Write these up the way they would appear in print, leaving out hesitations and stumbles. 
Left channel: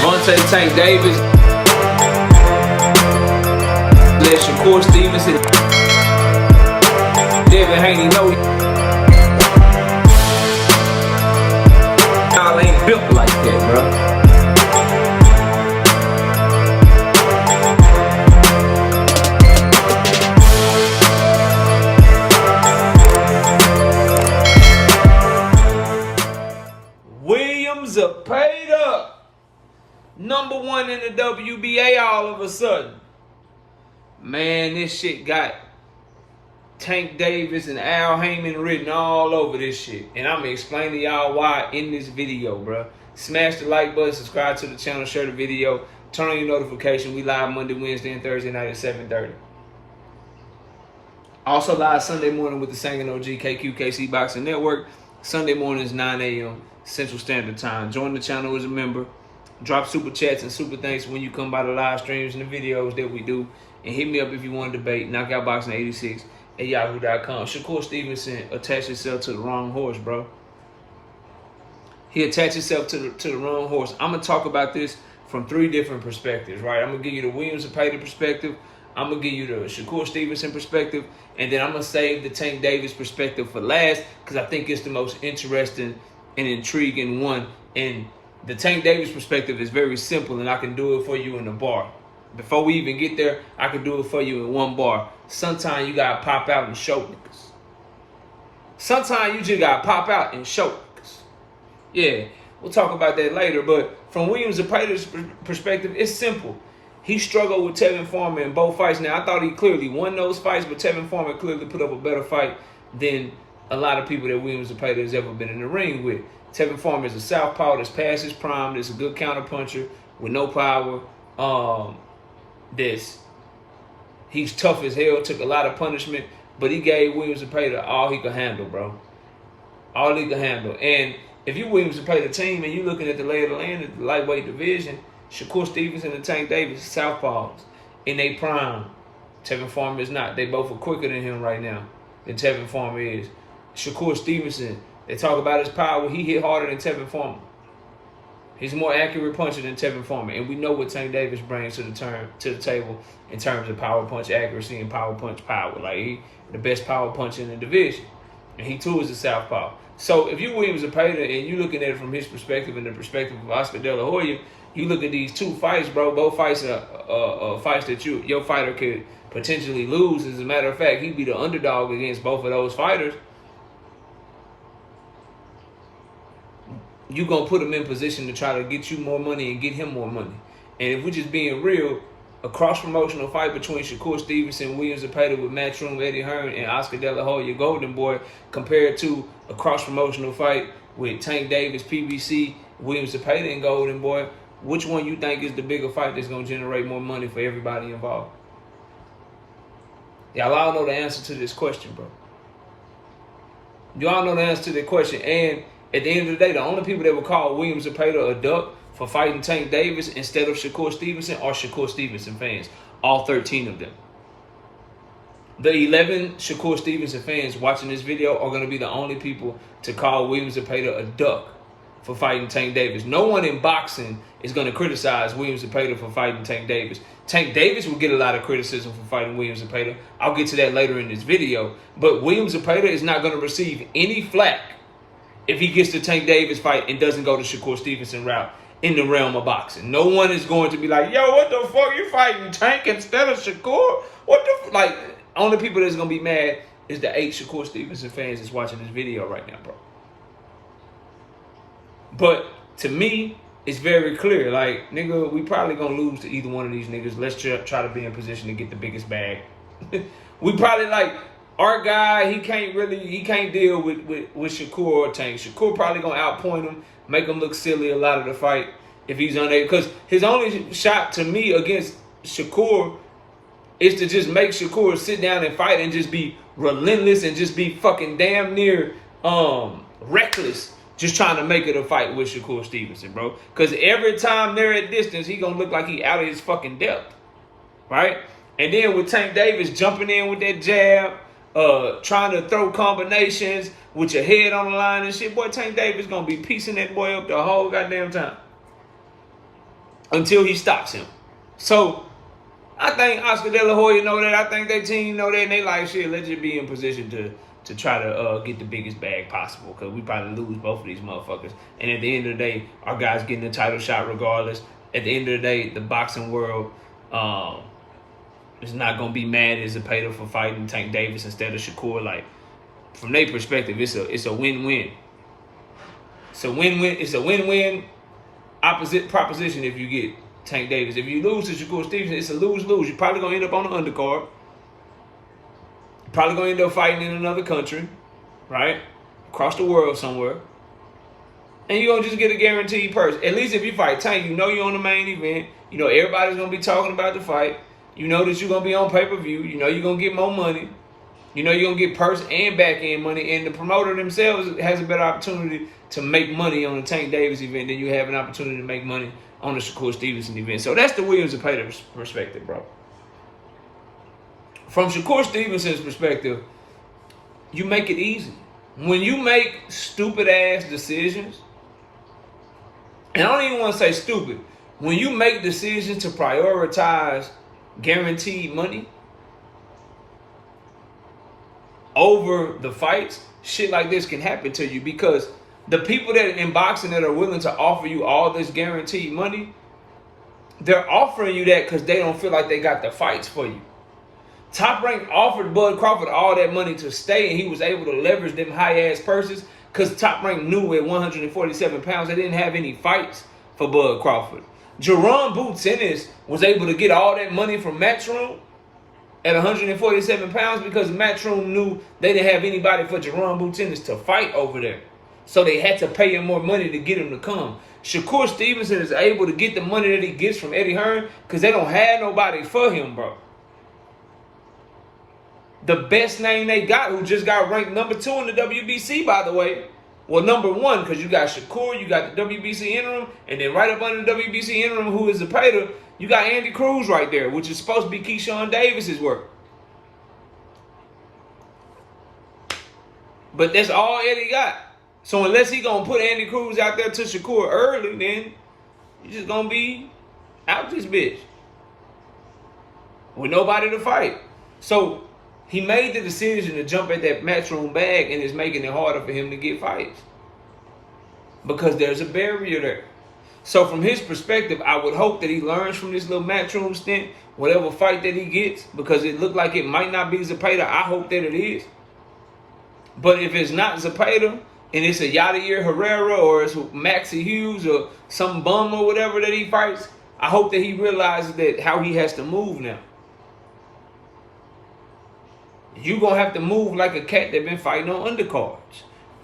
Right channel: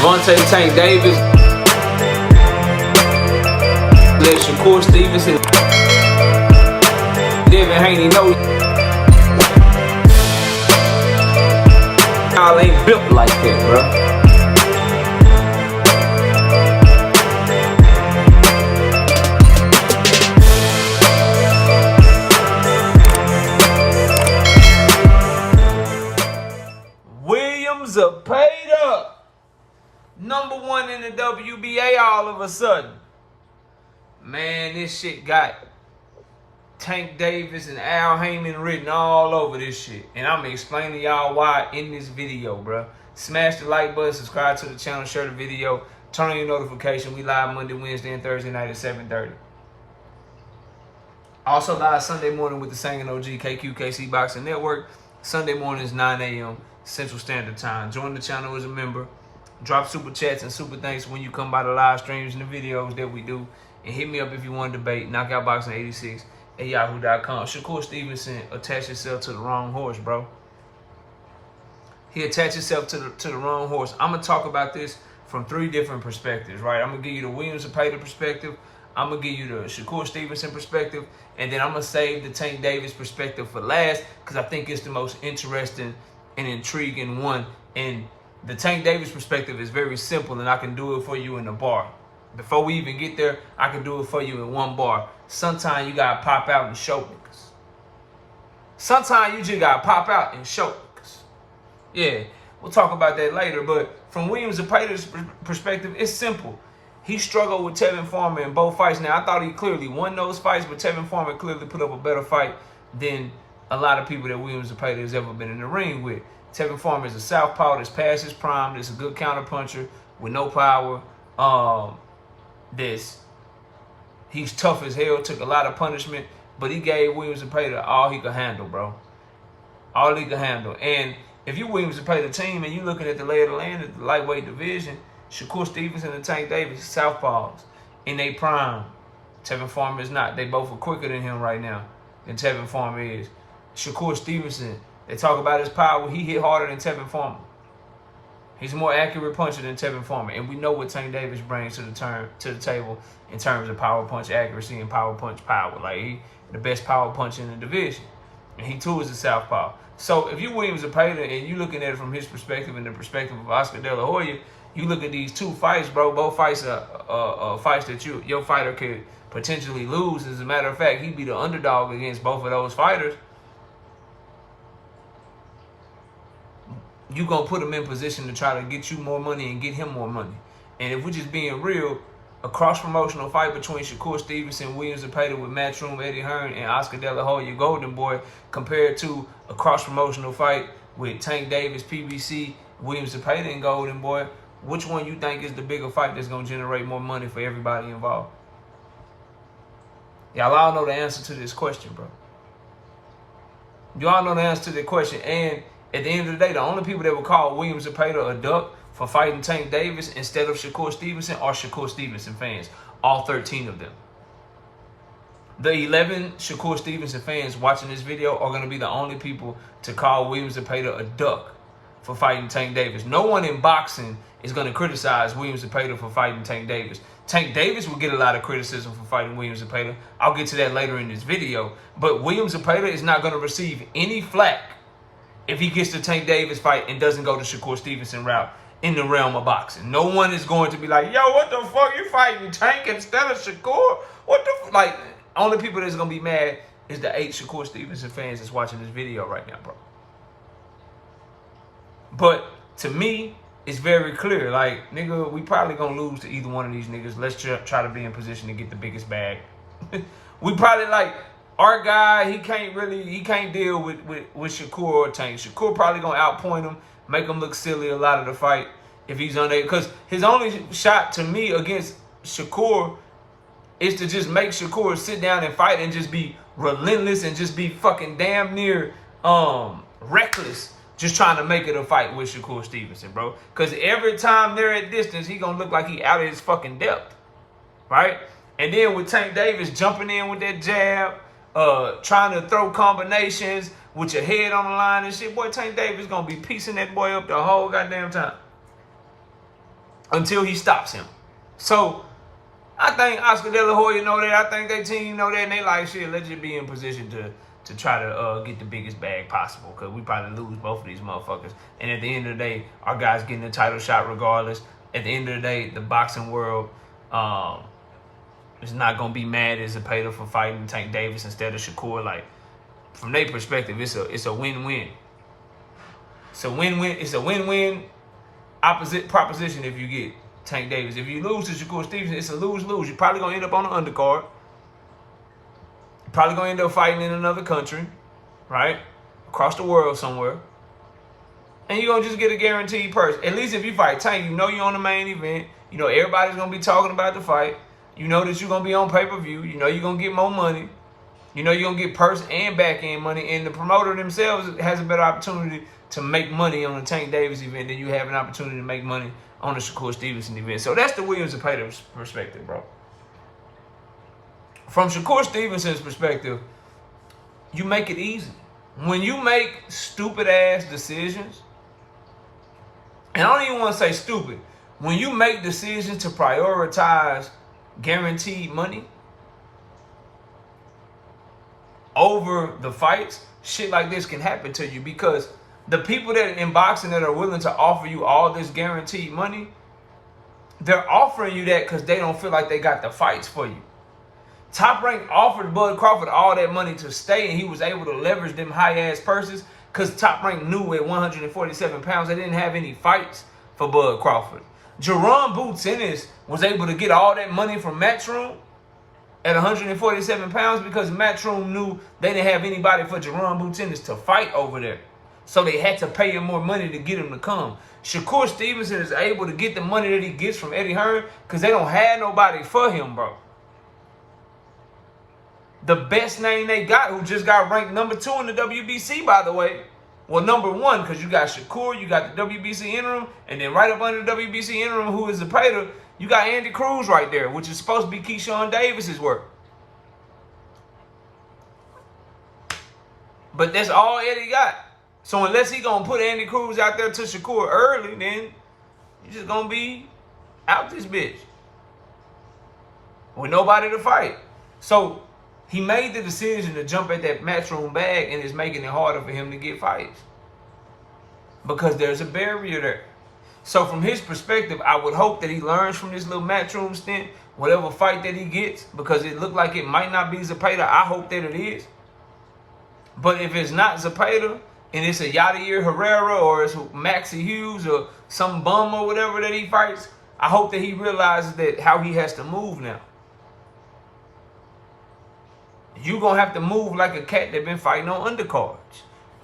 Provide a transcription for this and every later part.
Gervonta Tank Davis. Let Shakur Stevenson. Devin Haney know y'all ain't built like that, bro. William Zepeda, #1 in the WBA all of a sudden. Man, this shit got Tank Davis and Haymon written all over this shit. And I'm going to explain to y'all why in this video, bro. Smash the like button, subscribe to the channel, share the video, turn on your notification. We live Monday, Wednesday, and Thursday night at 7:30. Also live Sunday morning with the Singing OG KQKC Boxing Network. Sunday mornings, 9 a.m. Central Standard Time. Join the channel as a member. Drop super chats and super thanks when you come by the live streams and the videos that we do. And hit me up if you want to debate. Knockoutboxing86 at yahoo.com. Shakur Stevenson attached himself to the wrong horse, bro. He attached himself to the wrong horse. I'm going to talk about this from 3 different perspectives, right? I'm going to give you the William Zepeda perspective. I'm going to give you the Shakur Stevenson perspective. And then I'm going to save the Tank Davis perspective for last because I think it's the most interesting and intriguing one. And the Tank Davis perspective is very simple, and I can do it for you in a bar. Before we even get there, I can do it for you in 1 bar. Sometimes you got to pop out and show niggas. Sometimes you just got to pop out and show niggas. Yeah, we'll talk about that later. But from William Zepeda's perspective, it's simple. He struggled with Tevin Farmer in both fights. Now, I thought he clearly won those fights, but Tevin Farmer clearly put up a better fight than a lot of people that William Zepeda has ever been in the ring with. Tevin Farmer is a southpaw that's past his prime. That's a good counterpuncher with no power. He's tough as hell, took a lot of punishment, but he gave William Zepeda all he could handle, bro. All he could handle. And if you William Zepeda team and you looking at the lay of the land at the lightweight division, Shakur Stevenson and Tank Davis, southpaws, in their prime. Tevin Farmer is not. They both are quicker than him right now, than Tevin Farmer is. Shakur Stevenson, they talk about his power. He hit harder than Tevin Farmer. He's a more accurate puncher than Tevin Farmer. And we know what Tank Davis brings to the table in terms of power punch accuracy and power punch power. Like, he the best power puncher in the division. And he too is a southpaw. So if you William Zepeda and you looking at it from his perspective and the perspective of Oscar De La Hoya, you look at these 2 fights, bro. Both fights are fights that your fighter could potentially lose. As a matter of fact, he'd be the underdog against both of those fighters. You're going to put him in position to try to get you more money and get him more money. And if we're just being real, a cross-promotional fight between Shakur Stevenson, William Zepeda with Matchroom, Eddie Hearn, and Oscar De La Hoya, Golden Boy, compared to a cross-promotional fight with Tank Davis, PBC, William Zepeda, and Golden Boy, which one you think is the bigger fight that's going to generate more money for everybody involved? Y'all all know the answer to this question, bro. You all know the answer to that question. And at the end of the day, the only people that would call William Zepeda a duck for fighting Tank Davis instead of Shakur Stevenson are Shakur Stevenson fans. All 13 of them. The 11 Shakur Stevenson fans watching this video are going to be the only people to call William Zepeda a duck for fighting Tank Davis. No one in boxing is going to criticize William Zepeda for fighting Tank Davis. Tank Davis will get a lot of criticism for fighting William Zepeda. I'll get to that later in this video. But William Zepeda is not going to receive any flack if he gets the Tank Davis fight and doesn't go the Shakur Stevenson route in the realm of boxing. No one is going to be like, yo, what the fuck, you fighting Tank instead of Shakur? What the like, only people that's going to be mad is the 8 Shakur Stevenson fans that's watching this video right now, bro. But to me, it's very clear. Like, nigga, we probably going to lose to either one of these niggas. Let's try to be in position to get the biggest bag. We probably like, our guy, he can't deal with Shakur or Tank. Shakur probably going to outpoint him, make him look silly a lot of the fight if he's unable. Because his only shot to me against Shakur is to just make Shakur sit down and fight and just be relentless and just be fucking damn near reckless, just trying to make it a fight with Shakur Stevenson, bro. Because every time they're at distance, he going to look like he out of his fucking depth, right? And then with Tank Davis jumping in with that jab, trying to throw combinations with your head on the line and shit, boy, Tank Davis going to be piecing that boy up the whole goddamn time. until he stops him. So I think Oscar De La Hoya know that. I think their team know that, and they like, shit, let's just be in position to try to get the biggest bag possible, because we probably lose both of these motherfuckers. And at the end of the day, our guys getting the title shot regardless. At the end of the day, the boxing world is not going to be mad at Zepeda for fighting Tank Davis instead of Shakur. Like, from their perspective, it's a win-win. It's a win-win. It's a win-win opposite proposition if you get Tank Davis. If you lose to Shakur Stevenson, it's a lose-lose. You're probably going to end up on the undercard. You're probably going to end up fighting in another country, right? Across the world somewhere. And you're going to just get a guaranteed purse. At least if you fight Tank, you know you're on the main event. You know everybody's going to be talking about the fight. You know that you're going to be on pay-per-view. You know you're going to get more money. You know you're going to get purse and back-end money. And the promoter themselves has a better opportunity to make money on the Tank Davis event than you have an opportunity to make money on the Shakur Stevenson event. So that's the William Zepeda perspective, bro. From Shakur Stevenson's perspective, you make it easy. When you make stupid-ass decisions, and I don't even want to say stupid, when you make decisions to prioritize guaranteed money over the fights, shit like this can happen to you, because the people that in boxing that are willing to offer you all this guaranteed money, they're offering you that because they don't feel like they got the fights for you. Top Rank offered Bud Crawford all that money to stay, and he was able to leverage them high-ass purses because Top Rank knew at 147 pounds they didn't have any fights for Bud Crawford. Jerome Boots Ennis was able to get all that money from Matchroom at 147 pounds because Matchroom knew they didn't have anybody for Jerome Boots Ennis to fight over there. So they had to pay him more money to get him to come. Shakur Stevenson is able to get the money that he gets from Eddie Hearn because they don't have nobody for him, bro. The best name they got, who just got ranked number 2 in the WBC, by the way. Well, number 1, because you got Shakur, you got the WBC interim, and then right up under the WBC interim, who is Zepeda, you got Andy Cruz right there, which is supposed to be Keyshawn Davis's work. But that's all Eddie got. So unless he gonna put Andy Cruz out there to Shakur early, then you just gonna be out this bitch with nobody to fight. So he made the decision to jump at that Matchroom bag, and it's making it harder for him to get fights because there's a barrier there. So from his perspective, I would hope that he learns from this little Matchroom stint, whatever fight that he gets, because it looked like it might not be Zepeda. I hope that it is. But if it's not Zepeda, and it's a Yadier Herrera or it's Maxie Hughes or some bum or whatever that he fights, I hope that he realizes that how he has to move now. You going to have to move like a cat that been fighting on undercards.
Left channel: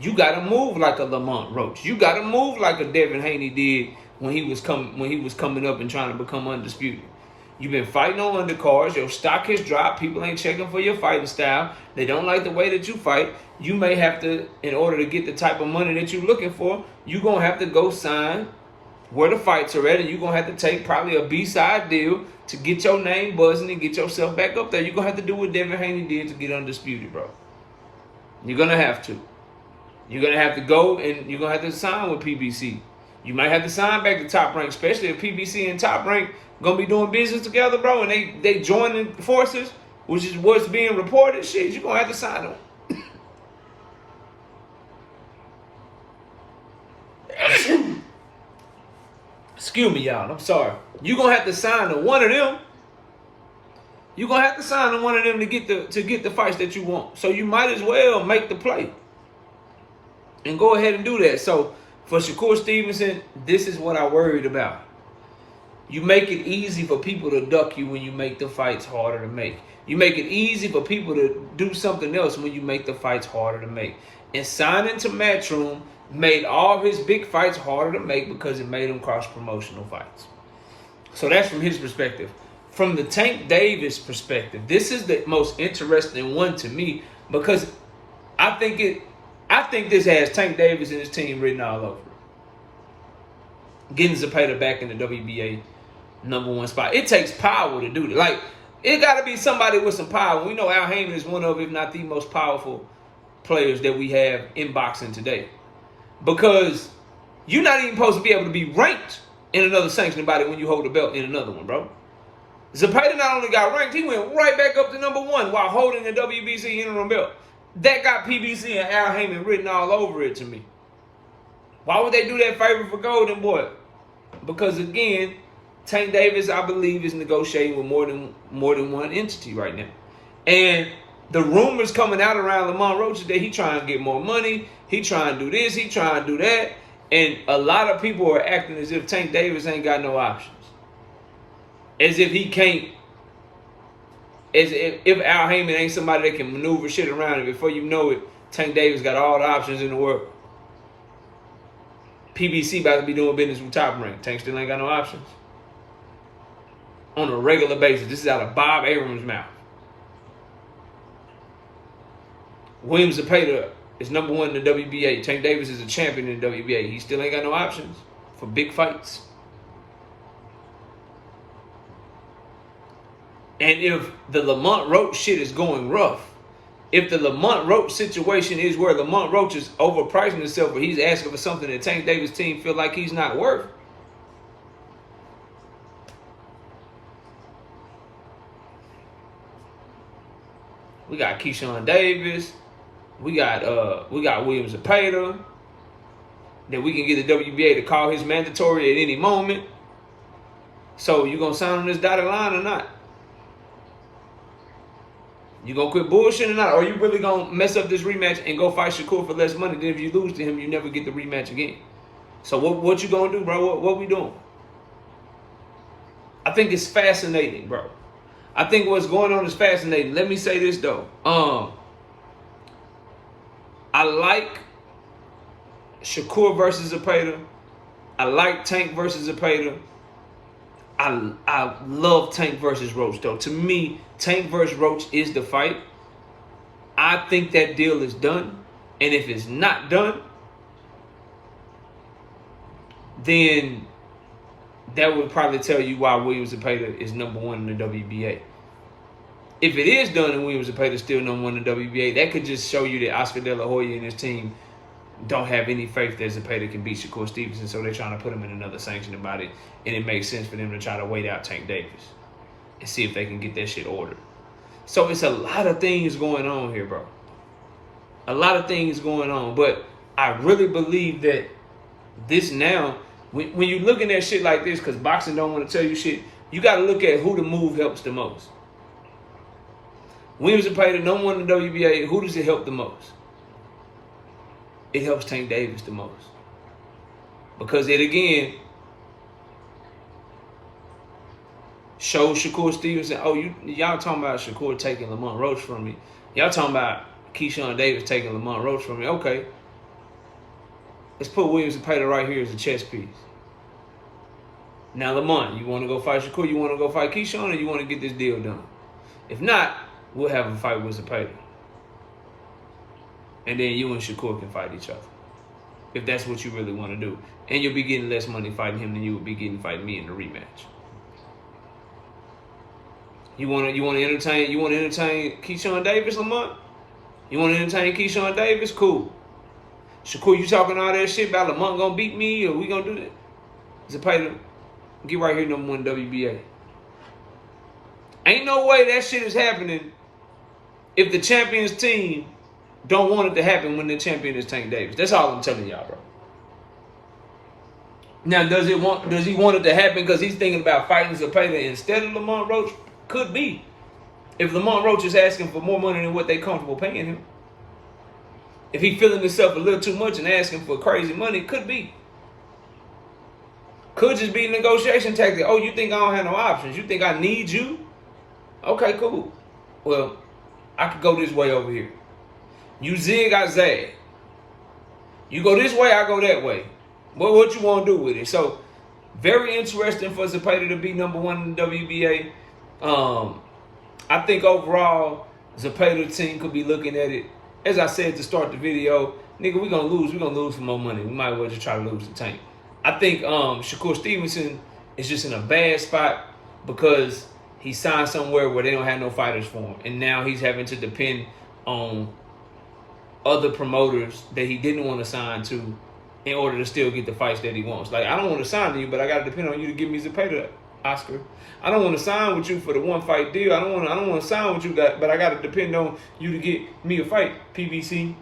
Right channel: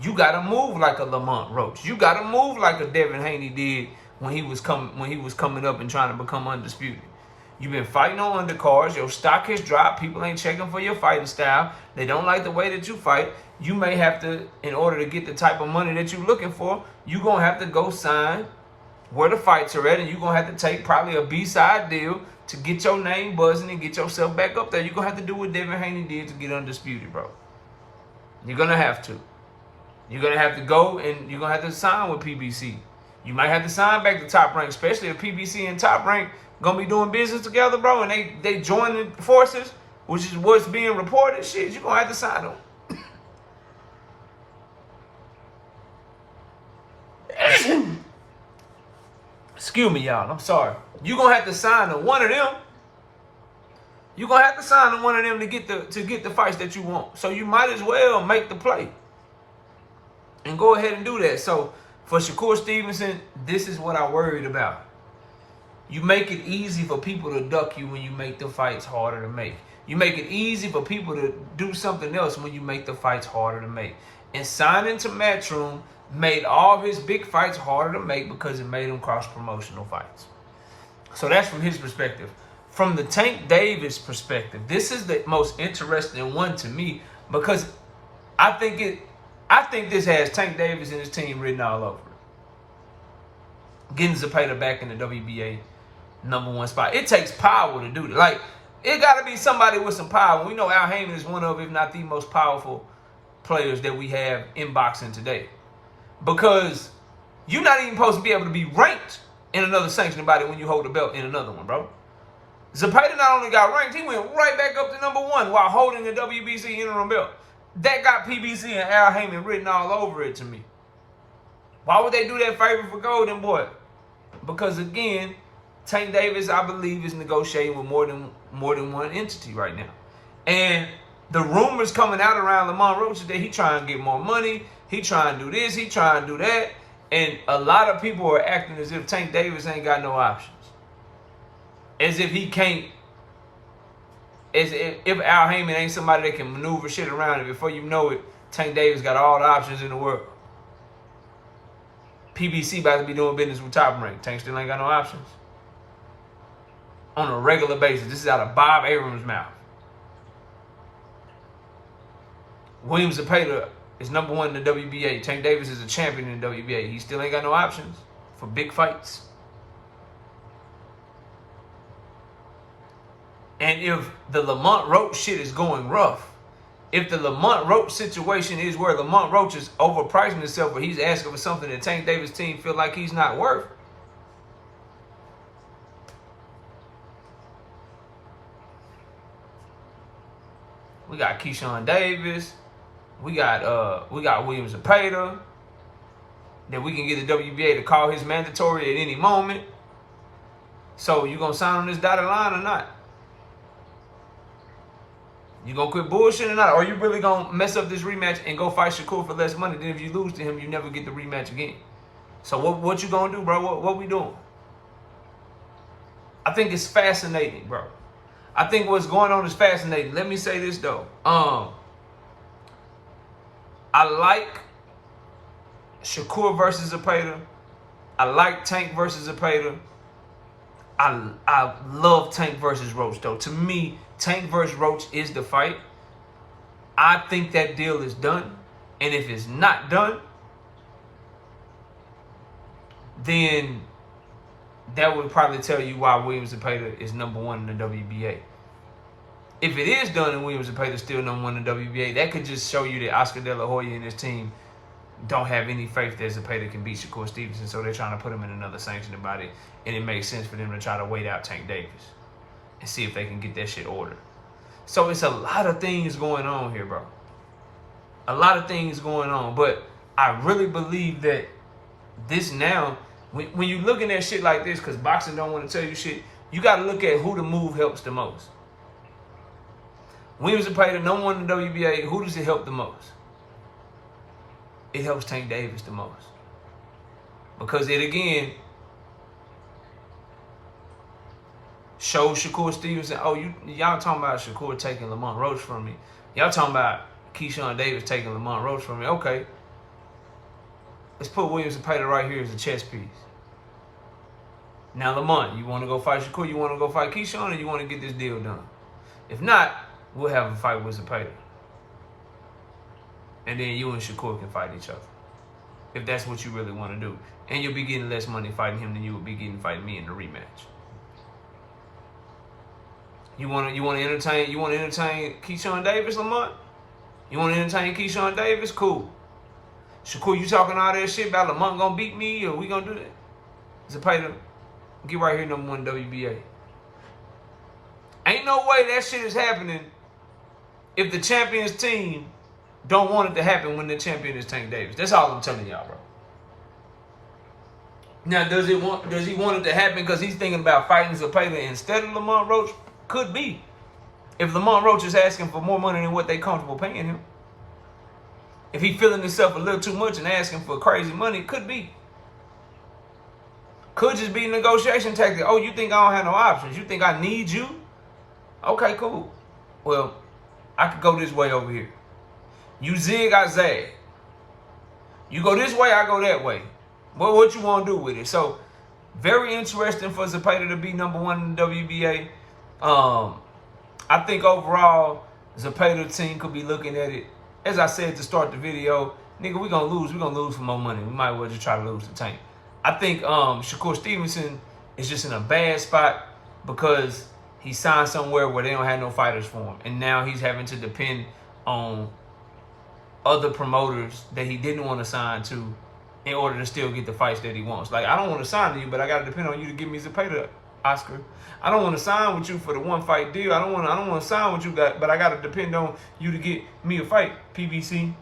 You got to move like a Lamont Roach. You got to move like a Devin Haney did when he was coming up and trying to become undisputed. You've been fighting on undercards. Your stock has dropped. People ain't checking for your fighting style. They don't like the way that you fight. You may have to, in order to get the type of money that you're looking for, you're going to have to go sign where the fights are at, and you're going to have to take probably a B-side deal to get your name buzzing and get yourself back up there. You're going to have to do what Devin Haney did to get undisputed, bro. You're going to have to. You're going to have to go, and you're going to have to sign with PBC. You might have to sign back to Top Rank, especially if PBC and Top Rank going to be doing business together, bro, and they joining forces, which is what's being reported. Shit, you're going to have to sign them. Excuse me, y'all. I'm sorry. You're going to have to sign to one of them. You're going to have to sign to one of them to get the fights that you want. So you might as well make the play and go ahead and do that. So for Shakur Stevenson, this is what I worried about. You make it easy for people to duck you when you make the fights harder to make. You make it easy for people to do something else when you make the fights harder to make. And signing to Matchroom made all of his big fights harder to make because it made him cross-promotional fights. So that's from his perspective. From the Tank Davis perspective, this is the most interesting one to me because I think this has Tank Davis and his team written all over it. Getting Zepeda back in the WBA #1 spot. It takes power to do that. Like, it got to be somebody with some power. We know Al Haymon is one of, if not the most powerful players that we have in boxing today. Because you're not even supposed to be able to be ranked in another sanctioning body when you hold the belt in another one, bro. Zepeda not only got ranked, he went right back up to #1 while holding the WBC interim belt. That got PBC and Al Haymon written all over it to me. Why would they do that favor for Golden Boy? Because again, Tank Davis, I believe, is negotiating with more than one entity right now. And the rumors coming out around Lamont Roach is that he trying to get more money, he trying to do this, he trying to do that. And a lot of people are acting as if Tank Davis ain't got no options. As if he can't, as if Al Haymon ain't somebody that can maneuver shit around it. Before you know it, Tank Davis got all the options in the world. PBC about to be doing business with Top Rank. Tank still ain't got no options. On a regular basis. This is out of Bob Abrams' mouth. William Zepeda is #1 in the WBA. Tank Davis is a champion in the WBA. He still ain't got no options for big fights. And if the Lamont Roach shit is going rough, if the Lamont Roach situation is where Lamont Roach is overpricing himself or he's asking for something that Tank Davis' team feel like he's not worth, we got Keyshawn Davis, we got William Zepeda, that we can get the WBA to call his mandatory at any moment. So you gonna sign on this dotted line or not? You gonna quit bullshitting or not? Or you really gonna mess up this rematch and go fight Shakur for less money? Then if you lose to him, you never get the rematch again. So what you gonna do, bro? What we doing? I think it's fascinating, bro. I think what's going on is fascinating. Let me say this though. I like Shakur versus Zepeda. I like Tank versus Zepeda. I love Tank versus Roach though. To me, Tank versus Roach is the fight. I think that deal is done. And if it's not done, then that would probably tell you why William Zepeda is #1 in the WBA. If it is done and William Zepeda is still #1 in the WBA, that could just show you that Oscar De La Hoya and his team don't have any faith that Zepeda can beat Shakur Stevenson, so they're trying to put him in another sanctioning body, and it makes sense for them to try to wait out Tank Davis and see if they can get that shit ordered. So it's a lot of things going on here, bro. A lot of things going on, but I really believe that this now, when you're looking at shit like this, because boxing don't want to tell you shit, you got to look at who the move helps the most. William Zepeda, #1 in the WBA, who does it help the most? It helps Tank Davis the most. Because it, again, shows Shakur Stevenson, oh, y'all talking about Shakur taking Lamont Roach from me. Y'all talking about Keyshawn Davis taking Lamont Roach from me. Okay. Let's put William Zepeda right here as a chess piece. Now, Lamont, you want to go fight Shakur? You want to go fight Keyshawn? Or you want to get this deal done? If not, we'll have a fight with Zepeda. And then you and Shakur can fight each other. If that's what you really want to do. And you'll be getting less money fighting him than you would be getting fighting me in the rematch. You want to entertain Keyshawn Davis, Lamont? You want to entertain Keyshawn Davis? Cool. Shakur, you talking all that shit about Lamont gonna beat me or we gonna do that? Zepeda, get right here, #1 WBA. Ain't no way that shit is happening if the champion's team don't want it to happen when the champion is Tank Davis. That's all I'm telling y'all, bro. Now, does he want it to happen because he's thinking about fighting Zepeda instead of Lamont Roach? Could be. If Lamont Roach is asking for more money than what they comfortable paying him. If he feeling himself a little too much and asking for crazy money, could be. Could just be a negotiation tactic. Oh, you think I don't have no options? You think I need you? Okay, cool. Well, I could go this way over here. You zig, I zag. You go this way, I go that way. What you want to do with it? So, very interesting for Zepeda to be #1 in the WBA. I think overall, Zepeda team could be looking at it. As I said to start the video, nigga, we're going to lose. We're going to lose for more money. We might as well just try to lose the Tank. I think Shakur Stevenson is just in a bad spot because he signed somewhere where they don't have no fighters for him. And now he's having to depend on other promoters that he didn't want to sign to in order to still get the fights that he wants. Like, I don't want to sign to you, but I got to depend on you to give me Zepeda, Oscar. I don't want to sign with you for the one fight deal. I don't want to sign with you, but I got to depend on you to get me a fight, PBC.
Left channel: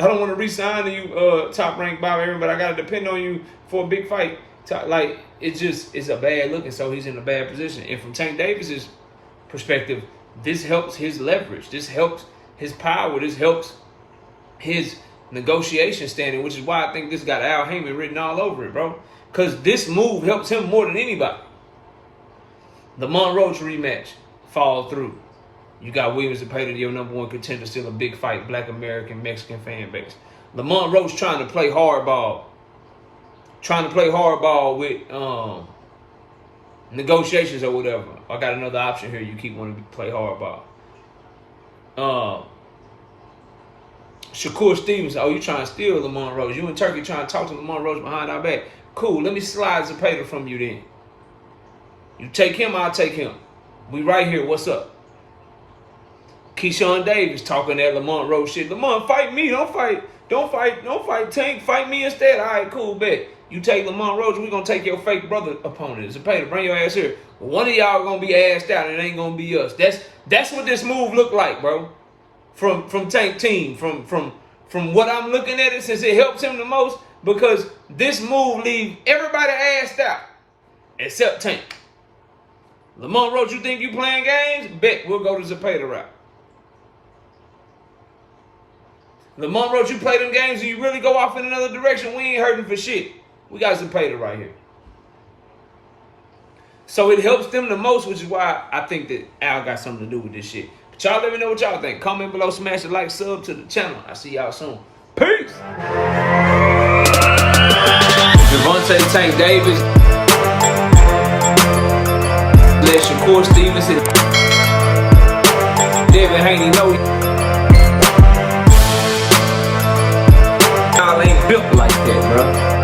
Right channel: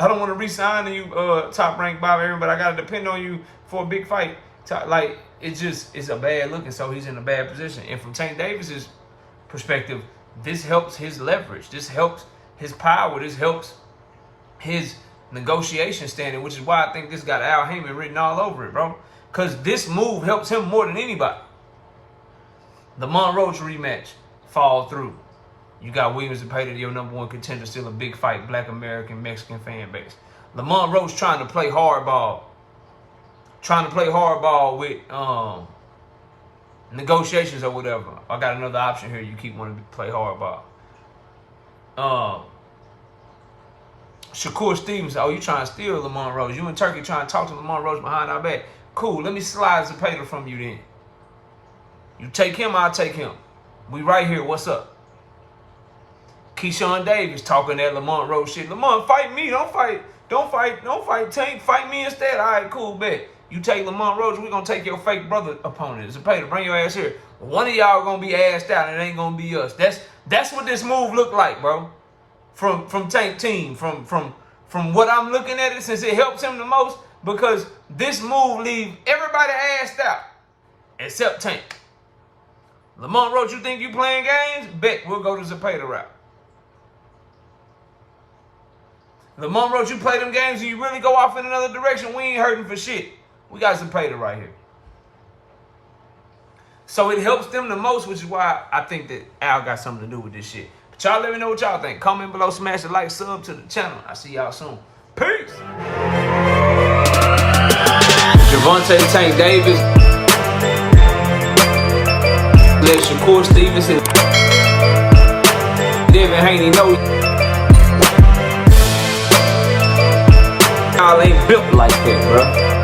I don't want to re-sign to you, top ranked Bobby Aaron, but I got to depend on you for a big fight. Like, it's a bad look, and so he's in a bad position. And from Tank Davis's perspective, this helps his leverage. This helps his power. This helps his negotiation standing, which is why I think this got Al Haymon written all over it, bro. Because this move helps him more than anybody. The Roach rematch fall through. You got William Zepeda, your #1 contender, still a big fight, Black American, Mexican fan base. Lamont Roach trying to play hardball. Trying to play hardball with negotiations or whatever. I got another option here. You keep wanting to play hardball. Shakur Stevenson. Oh, you trying to steal Lamont Roach. You in Turkey trying to talk to Lamont Roach behind our back. Cool, let me slide Zepeda from you then. You take him, I'll take him. We right here, what's up? Keyshawn Davis talking that Lamont Roach shit. Lamont, fight me, don't fight Tank, fight me instead. All right, cool, bet. You take Lamont Roach, we gonna take your fake brother opponent. Zepeda, bring your ass here. One of y'all gonna be assed out, and it ain't gonna be us. That's what this move look like, bro. From Tank team, from what I'm looking at it, since it helps him the most, because this move leave everybody assed out except Tank. Lamont Roach, you think you playing games? Bet we'll go to Zepeda route. Lamont Roach, you play them games and you really go off in another direction, we ain't hurting for shit. We got Zepeda right here. So it helps them the most, which is why I think that Al got something to do with this shit. But y'all let me know what y'all think. Comment below, smash the like, sub to the channel. I'll see y'all soon. Peace. Gervonta Tank Davis. Let Shakur Stevenson. Devin Haney know y'all ain't built like that, bro.